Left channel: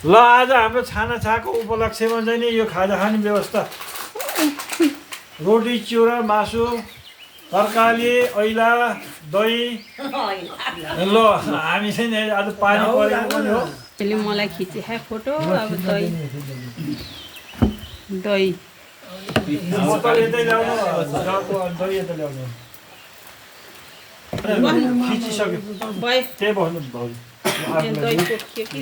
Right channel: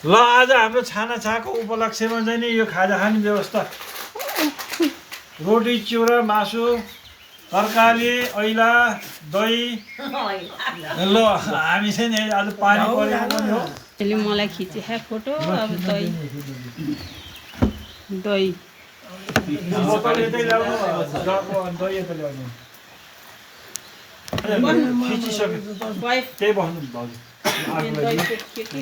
ल आज हाम्रो छानाछाको उपलक्ष्यमा चाहिँ नि यो खाजा खाने व्यवस्था रोटी चिउरा मासु तरकारी ऐला दही ल हामी चाहिँ नि आज पानी परेको पनि हो त्यसले मलाई खिचे फोटो अब दही दही बोतल यतै ल्याउनु जगको दही यतै ल्याउनु खिचिसक्यो भयो त्यही बस्नु भाउजू दही पोखियो कि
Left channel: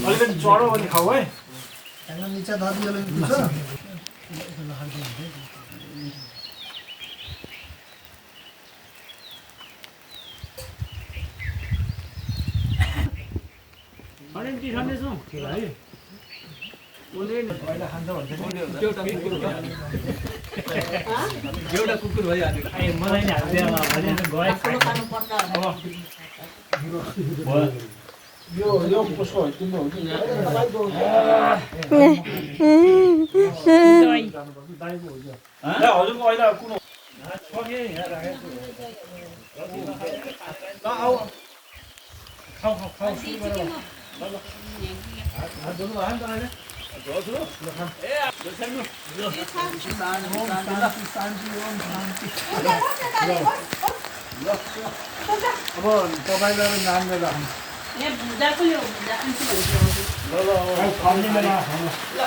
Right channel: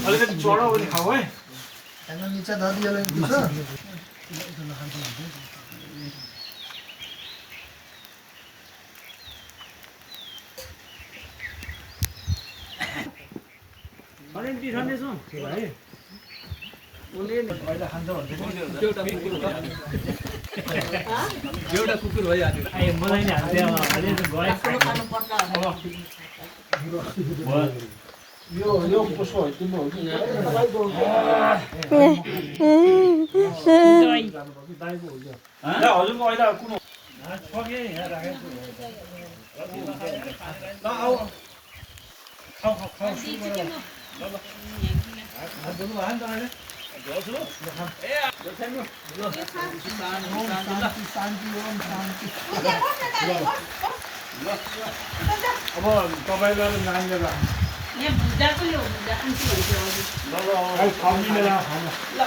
अलिकति चढो भने खाऊ है निचा दादीले दिन्छ एउटा कुकुर भइहाल्यो मलाई नि हाल्थ्यो यो कसको हो तिम्रो हो कि दाइको हो यो हजुरको अहिले कुन छ कि यहाँ राखेको ल आऊ खाऊ खाऊ खाऊ सुरु गर ल ल हात धुनु भयो नि तपाईँले अब तपाईँलाई नानीलाई राख्नु यहाँ भुजा पनि हो भुजा आन्टी भन्छ ल खाउने बेलामा खानु ल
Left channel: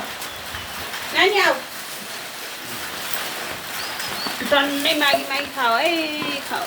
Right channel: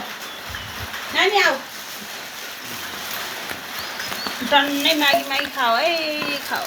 नानी आऊ टन्नै मागी मागी खाऊ है खाऊ